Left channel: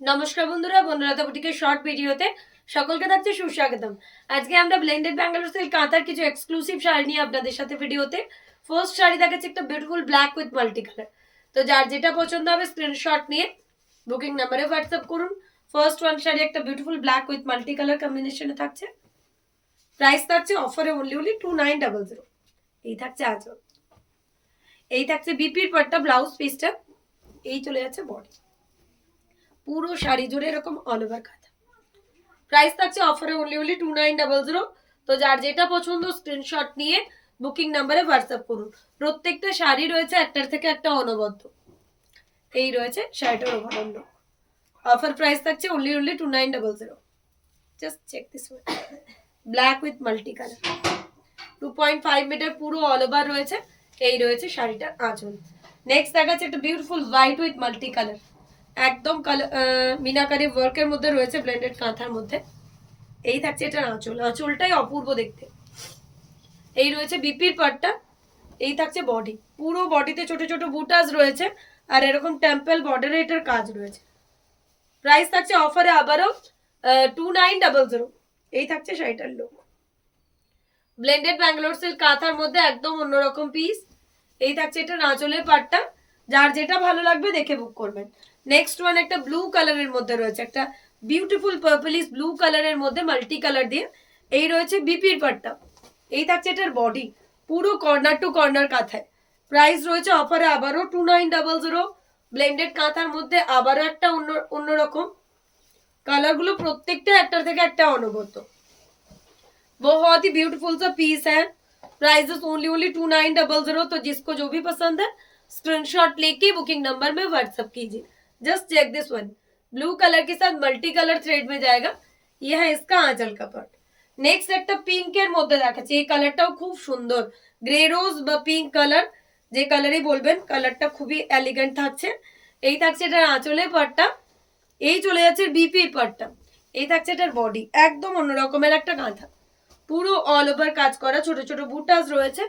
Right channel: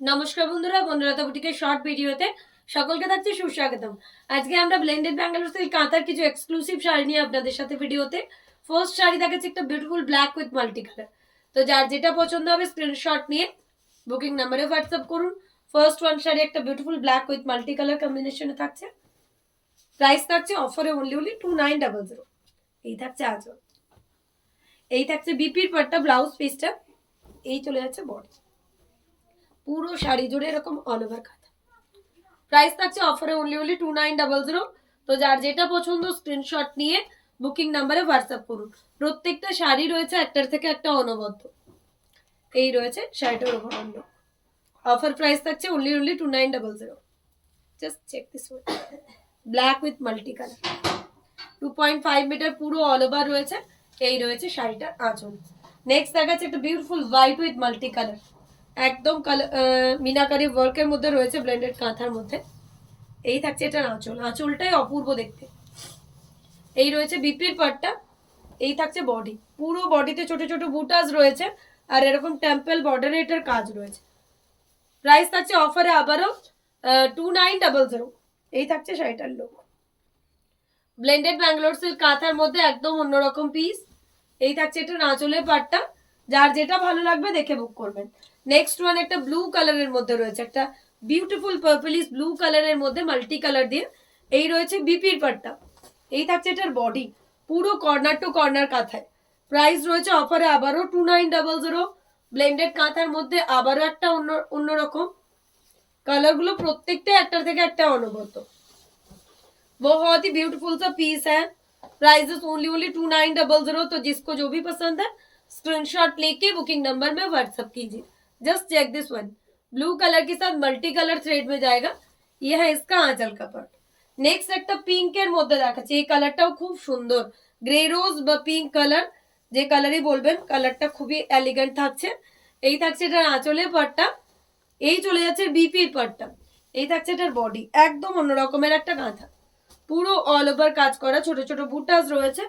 নমস্কার বন্ধুরা, বনলতা বুটিকের শর্ট ভিডিওতে সকলকে থাকছে সুস্বাগতম। আজকে আমরা ব্লেন্ডেড ব্যাঙ্গালোর সিল্ক কাঁথার কিছু এক্সক্লুসিভ শাড়ি নিয়ে আপনাদের সাথে ভিডিওতে। ফার্স্ট শাড়ি দেখাচ্ছে একটা beautiful black with multi colour. তো যার যেটা পছন্দ হবে স্ক্রিনশট নিয়ে বুকিং নাম্বারে হোয়াটসঅ্যাপ করুন। ফার্স্ট ওয়ান শাড়ি একটা beautiful black with multi colour কম্বিনেশনে থাকছে। প্রাইস থাকছে অফারে অনলি 2900। এই থাকছে আঁচল, এই থাকছে বিপির পাট্টা ব্লাউজ পিসটা, এই চলে যাচ্ছে বডি। পুরো শাড়ি জুড়ে এরকম অল ওভার কাঁথা। প্রাইস থাকছে অফারে অনলি 2900। তো যার যেটা পছন্দ স্ক্রিনশট নিয়ে বুকিং নাম্বারে হোয়াটসঅ্যাপ করুন। প্রত্যেকটা শাড়ি রয়েছে একটার থেকে একটা অনবদ্য। এই রয়েছে শাড়িটার ওভারঅল লুক। অফার প্রাইস থাকছে only 2900। Just check this one, black with multi colour, 2.5 metre পুরো অল ওভার রয়েছে। এই রয়েছে শাড়িটার আঁচল। নেক্সট দেখাচ্ছে একটা beautiful white with multi colour, একদম মিনাকারি ওয়ার্কের মধ্যে রয়েছে, ব্লেন্ডেড কাঁথার মধ্যে। এই থাকছে এটার আঁচল, আঁচলটাই অপূর্ব দেখতে। এই রয়েছে বিপির পাটটা, এই থাকছে বডি। পুরো বডিতে ছোট ছোট বুটাস রয়েছে আর এরকম টেম্পল বর্ডারে এটার কাজ রয়েছে। প্রাইস থাকছে অফারে আবারও 2900। এই থাকছে শাড়িটার লুক। ব্লেন্ডেড ব্যাঙ্গালোর সিল্ক কাঁথার মধ্যে একদম অন্যরকম পিস। এই থাকছে এটার আঁচলের পাটটা। যার যেটা ভালো লাগবে দেখে বুক করবেন। নেক্সট ওয়ান একটা ব্লু কালারের মধ্যে রয়েছে, একটা বিউটিফুল পার্পলিশ ব্লু কালারের মধ্যে মাল্টি কালার দিয়ে। এই রয়েছে বিপির পাটটা, এই থাকছে এটার বডি। পুরো কর্নার টু কর্নার কাঁথায়। প্রাইস রয়েছে অফারে আবারও 2900। ব্লেন্ডেড কাঁথার মধ্যে আবারও একটা অন্যরকম কালারগুলো, प्रत्येकটা একটার থেকে একটা অনবদ্য। बहुत ही ब्यूटीफुल सा पीस है। Price only 2900। तो जिसको जो भी पसंद है स्क्रीनशॉट लेके बुकिंग नंबर में व्हाट्सएप कीजिए। Just check this one, blue colour के साथ मल्टी कलर थ्रेड में जाएगा। ये है इसका आंचल का पार्ट। नेक्स्ट একটা পিঙ্কের মধ্যে দেখাচ্ছি, এই কালারটাও খুব সুন্দর, গ্রে রোজ বা পিঙ্ক কালার, যে কালারই বলবেন। কালারটা খুবই এলিগেন্ট থাকছে। এই থাকছে এটার আঁচলের পার্টটা, এই চলে যাচ্ছে বিপির পার্টটা। এই থাকছে এটার বডি, একদম অন্য রকমের একটা কাঁথা। পুরো অল ওভার কাজ করা, ছোট ছোট বুটাস রয়েছে।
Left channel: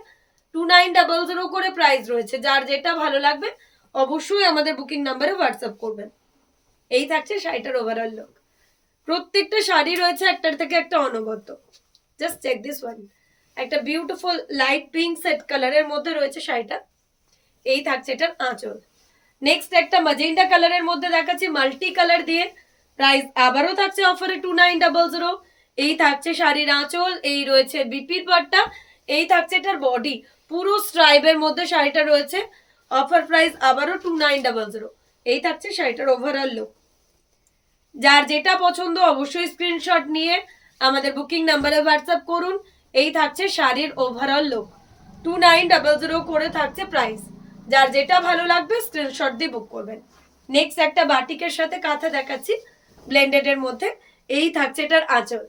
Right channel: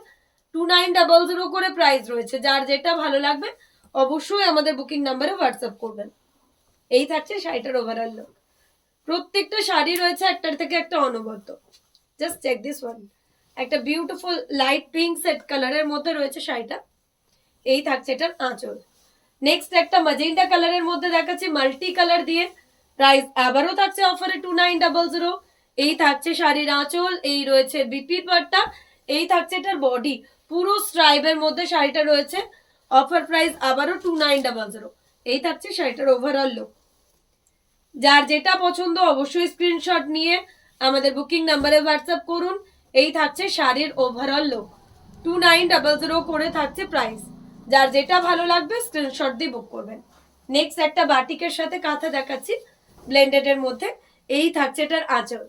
2900 করে প্রাইস রয়েছে। যার যেটা ভালো লাগবে অবশ্যই আমাদের বুকিং নাম্বারে হোয়াটসঅ্যাপ করবেন। এই থাকছে শাড়িটার ওভারঅল লুক। প্রত্যেকটা শাড়ি রয়েছে একটার থেকে একটা অনবদ্য। জাস্ট চেক দিস ওয়ান, একটা বিউটিফুল লাইট পিঙ্ক সেট কালারের মধ্যে রয়েছে শাড়িটা। এই থাকছে এটার আঁচল। নেক্সট একটা ম্যাজেন্টা কালারের মধ্যে দেখাচ্ছি মাল্টি কালার দিয়ে। প্রাইস আবারও থাকছে অফারে 2900। এই থাকছে শাড়ির আঁচল, এই রয়েছে বিপির পাটটা, এই থাকছে এটার বডি। পুরো স্ট্রাইপের মধ্যে শাড়িটা রয়েছে। অফার প্রাইস আবারও 2900। এই থাকছে শাড়িটার ওভারঅল লুক। যার যেটা পছন্দ অবশ্যই স্ক্রিনশট নিয়ে আমাদের বুকিং নাম্বারে হোয়াটসঅ্যাপ করুন। এই থাকছে শাড়ির ওভারঅল লুক। 2900 করে থাকছে প্রাইস। যার যেটা ভালো লাগবে স্ক্রিনশট দিয়ে বুক করবেন। নেক্সট একটা বাটিকের সাথে কাঁথা দেখাচ্ছি ব্লেন্ডেড এর মধ্যে। এই থাকছে এটার আঁচল।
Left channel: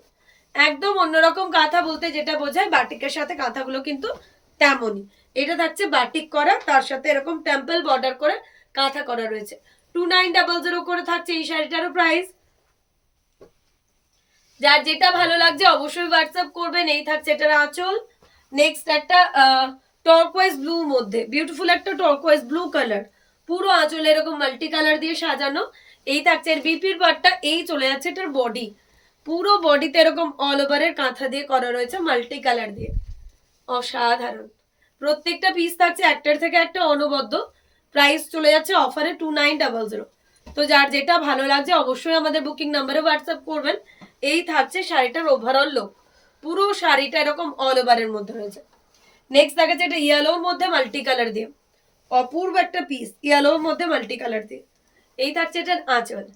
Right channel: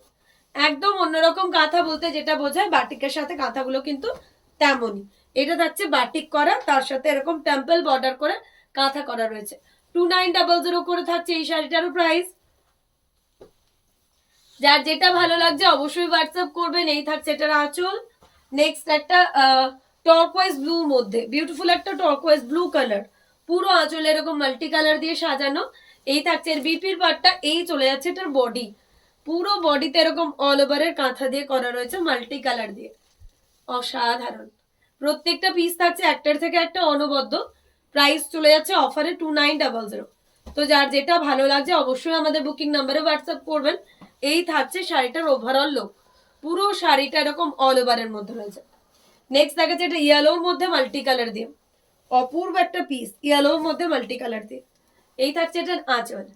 একদম অন্যরকম কাঁথা বলতে যেটা বোঝায়, বাটিকের সাথে কাঁথাগুলো কিন্তু তেমনই। এটা থাকছে বাটিক করা, তার সাথে এরকম টেম্পল বর্ডার করে কাঁথা করা রয়েছে। 2900 করে থাকছে এই শাড়িটারও প্রাইস। যার যেটা ভালো লাগছে অবশ্যই হোয়াটসঅ্যাপ করবেন। এই থাকছে এটার আঁচল। নেক্সট একটা টর্কোয়েজ ব্লু মধ্যে বিউটিফুল একটা টর্কোয়েজ ব্লু কালার, পুরো আঁচল এরকম মাল্টি কালার দিয়ে সাজানো। এই থাকছে বিপির পাটটা, এই চলে যাচ্ছে এটার বডি। পুরো বডিতে এরকম অল ওভারের কাঁথা দিয়ে করা রয়েছে মাল্টি কালার দিয়ে। অসাধারণ। প্রত্যেকটা পিস থাকছে একটার থেকে একটা অনবদ্য। প্রাইস চলে যাচ্ছে অফারে 2900। তো যার যেটা ভালো লাগছে অবশ্যই আমাদের বুকিং নাম্বারে হোয়াটসঅ্যাপ করবেন। এই থাকছে শাড়িটার ওভারঅল লুক। পুরো শাড়িটা এরকম অল ওভারের মধ্যে রয়েছে। নেক্সট দেখাচ্ছে এটা ইয়েলোর মধ্যে মাল্টি কালার দিয়ে, অপূর্ব একটা পিস ইয়েলোর মধ্যে মাল্টি কালার দিয়ে। এই থাকছে এটার আঁচল,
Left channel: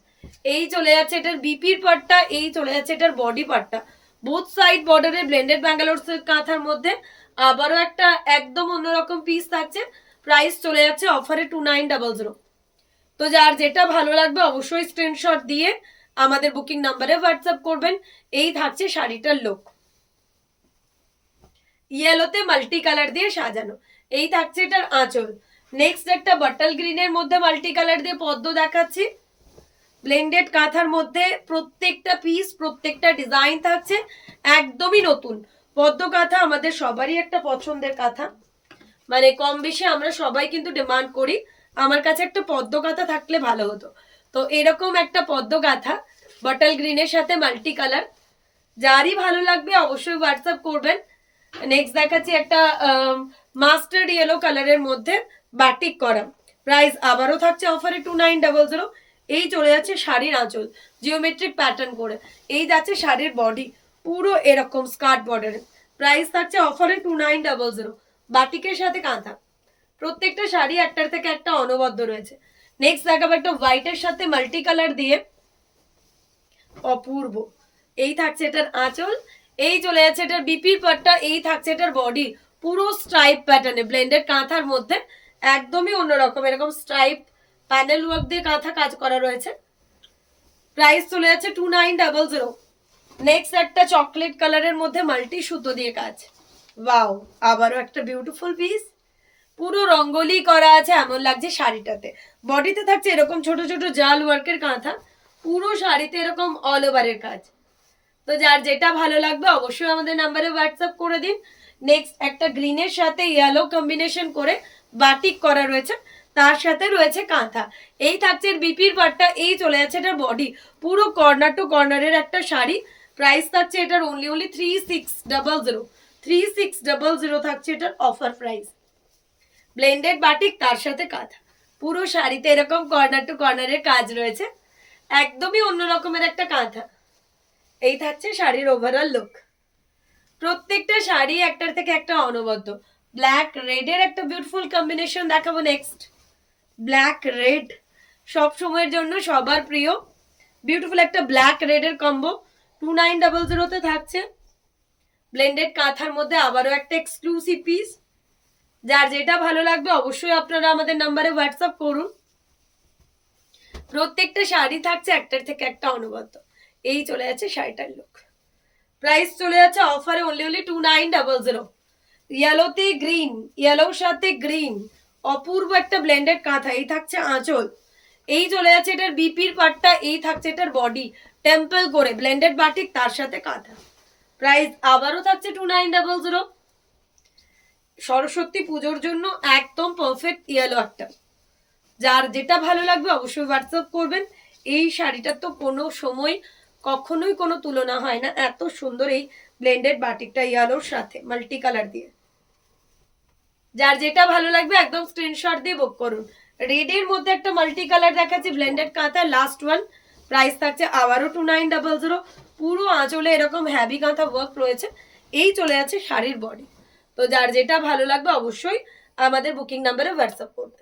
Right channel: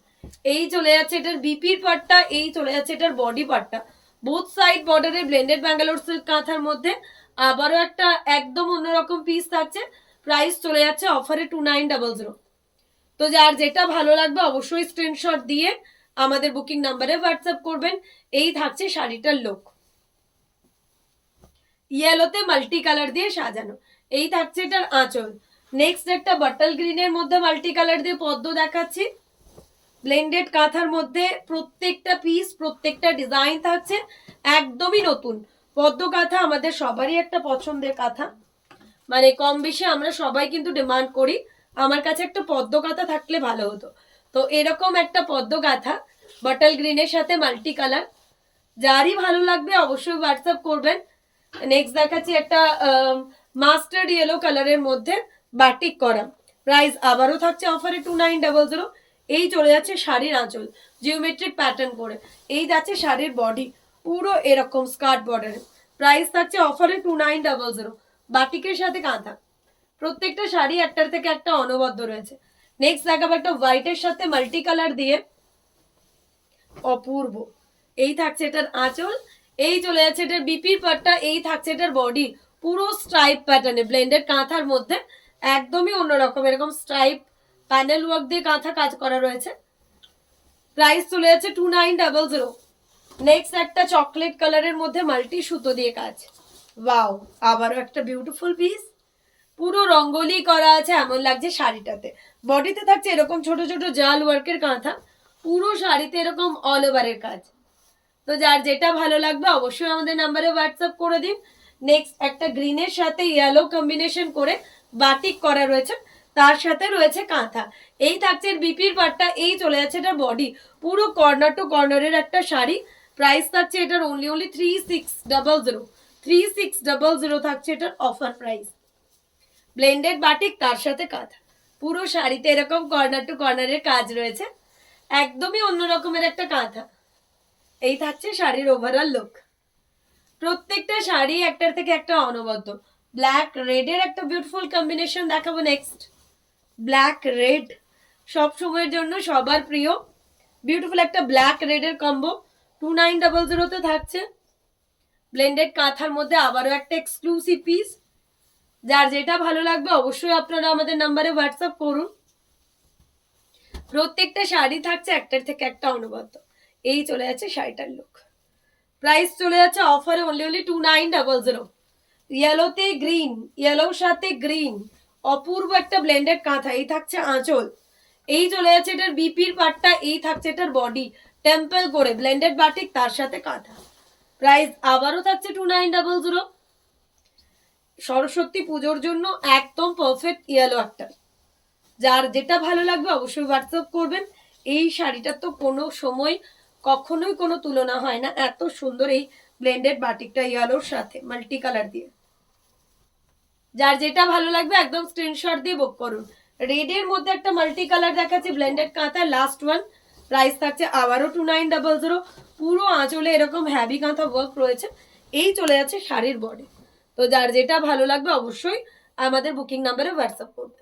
এই চলে যাচ্ছে এটার বিপির পাটটা, এই চলে যাচ্ছে এটার বডি পাটটা। বোথ সাইড বর্ডারে ব্লেন্ডেড ব্যাঙ্গালোর সিল্ক কাঁথার মধ্যে আবারও একটা একদম অন্যরকম পিস থাকছে। প্রাইস চলে যাচ্ছে অফারে 2900। তো যার যেটা ভালো লাগবে অবশ্যই স্ক্রিনশট দিয়ে আমাদের বুকিং নাম্বারে হোয়াটসঅ্যাপ করবেন। এই থাকছে শাড়িটার লুক, ইয়েলোতে মাল্টি কালার দিয়ে সাজানো। এই থাকছে এটার আঁচল। নেক্সট একটা বটল গ্রিনের মধ্যে মাল্টি কালার দিয়ে পদ্ম দেখাচ্ছি ব্লেন্ডেড কাঁথার মধ্যে। প্রত্যেকটা পিস প্রত্যেকটা ডিজাইন থাকছে একদমই নতুন। পদ্ম কাঁথা আমাদের সবারই একটা পছন্দের কাঁথা, মানে কম বেশি আমরা সবাই কিন্তু ডিমান্ড করি আমার কাছে একটা পদ্ম কাঁথা থাকলে ভালো হতো। তো এরকম একটা পদ্ম গাঁথা বটল গ্রিনের সাথে মাল্টি কালার, যারই ভালো লাগবে অবশ্যই হোয়াটসঅ্যাপ করবেন। নেক্সট দেখাচ্ছি একটা মাস্টার্ড ইয়েলো কালারের মধ্যে বাটিক করা, প্রাইস আবারও থাকছে অফারে 2900। এই চলে যাচ্ছে শাড়ির আঁচল জিওমেট্রিক প্যাটার্ন করে, এই যাচ্ছে শাড়ির বডি পুরো এরকম স্কার্ট বর্ডারে, প্রাইস থাকছে অফারে 2900, বাটিকের সাথে কাঁথা। প্রত্যেকটা শাড়ি একটার থেকে একটা অনবদ্য রয়েছে। নেক্সট দেখাবো একটা হোয়াইটের সাথে মাল্টি কালার দিয়ে, অপূর্ব। এই থাকছে এটার আঁচল, এই চলে যাচ্ছে এটার বিপির পাটটা, এই থাকছে এটার বডি পুরো স্ট্রাইপ প্যাটার্নে ব্লেন্ডেড কাঁথার মধ্যে, একদমই অন্যরকম এরকম স্ট্রাইপ প্যানেল ওয়ার্ক দিয়ে কাঁথা কাজ করা রয়েছে। প্রাইস চলে যাচ্ছে 2900। নেক্সট একটা চকলেট কালারের মধ্যে মাল্টি সুতো দিয়ে কাজ, ওয়াও, আবারও একটা বিউটিফুল পিস, পুরো রঙ্গোলি করা আছে এমন লাগছে শাড়িটাতে। বডিতে থাকছে এরকম ছোট ছোট জাল ওয়ার্কের কাঁথা, পুরো শাড়িতে এরকম অল ওভারের কাজ। তো যার যেটা ভালো লাগবে অবশ্যই আমাদের নাম্বারে হোয়াটসঅ্যাপ করে দিন। নেক্সট একটা গ্রিনের সাথে ইয়েলো কম্বিনেশন করে বাটিক করা রয়েছে, তার সাথে রয়েছে কাঁথা। এই থাকছে বিপির পাটটা, এই চলে যাচ্ছে এটার বডি পুরো কর্নার টু কর্নারের একটা শাড়ি। প্রাইস থাকছে এটার অনলি 3600, 3600 থাকছে এটার অফার প্রাইস। ব্লেন্ডেড বাটিক তার সাথে কাঁথা, পুরো শাড়িতে এরকম কর্নার টু কর্নারের কাজ রয়েছে, একদমই অন্য রকমের একটা কাঁথা। এই থাকছে শাড়ির ওভারঅল লুক। প্রত্যেকটা শাড়ি একটার থেকে একটা অনবদ্য। ব্ল্যাক রেডের একটা বিউটিফুল কম্বিনেশন দেখাবো নেক্সট। ব্ল্যাক রেড সব সময়ের জন্য সবার প্রিয়, বিউটিফুল একটা ব্ল্যাক রেডের কম্বো 2900 থাকছে। ব্লেন্ডেড কাঁথার মধ্যে আবারও একটা এক্সক্লুসিভ পিস, যার যেটা ভালো লাগবে অবশ্যই আপনারা আমাদের নাম্বারে হোয়াটসঅ্যাপ করুন। প্রত্যেকটা শাড়ি থাকছে একটার থেকে একটা অনবদ্য। এই চলে যাচ্ছে শাড়িটার লুক। প্রাইস চলে যাচ্ছে অফারে অনলি 2900। ইয়েলোতে গ্রিন, ইয়েলোর সাথে গ্রিন, অপূর্ব একটা ব্লেন্ডেড কাঁথা। এই থাকছে আঁচল, এই চলে যাচ্ছে এটার বিপির পাটটা, এই থাকছে এটার বডি টেম্পল করে ব্লেন্ডেড বাটিক তার সাথে কাঁথা। প্রাইস আবারও থাকছে 2900। সরস্বতী পুজোর জন্য একদম পারফেক্ট ইয়েলো একটা, যার যেটা ভালো লাগবে অবশ্যই হোয়াটসঅ্যাপ করবেন। এই শাড়িটার তো কোনো সময় কখনোই কোনো তুলনা হয় না, এত সুন্দর এই ব্লেন্ডেড বাটিকটা ইয়েলোর সাথে মাল্টি কালার দিয়ে। যার যেটা ভালো লাগবে একদম স্ক্রিনশট দিয়ে বুক করুন। রেডের মধ্যে একটা মাল্টি কালার দেখাচ্ছি ব্লেন্ডেড কাঁথা, লাস্ট ওয়ান। প্রাইস থাকছে আবারও 2900। পুরো আঁচলে এরকম হ্যাভি কাঁথা ওয়ার্ক রয়েছে, এই চলে যাচ্ছে শাড়ির বডি। তো যার যেটা ভালো লাগবে অবশ্যই আমাদের বুকিং নাম্বারে হোয়াটসঅ্যাপ করবে।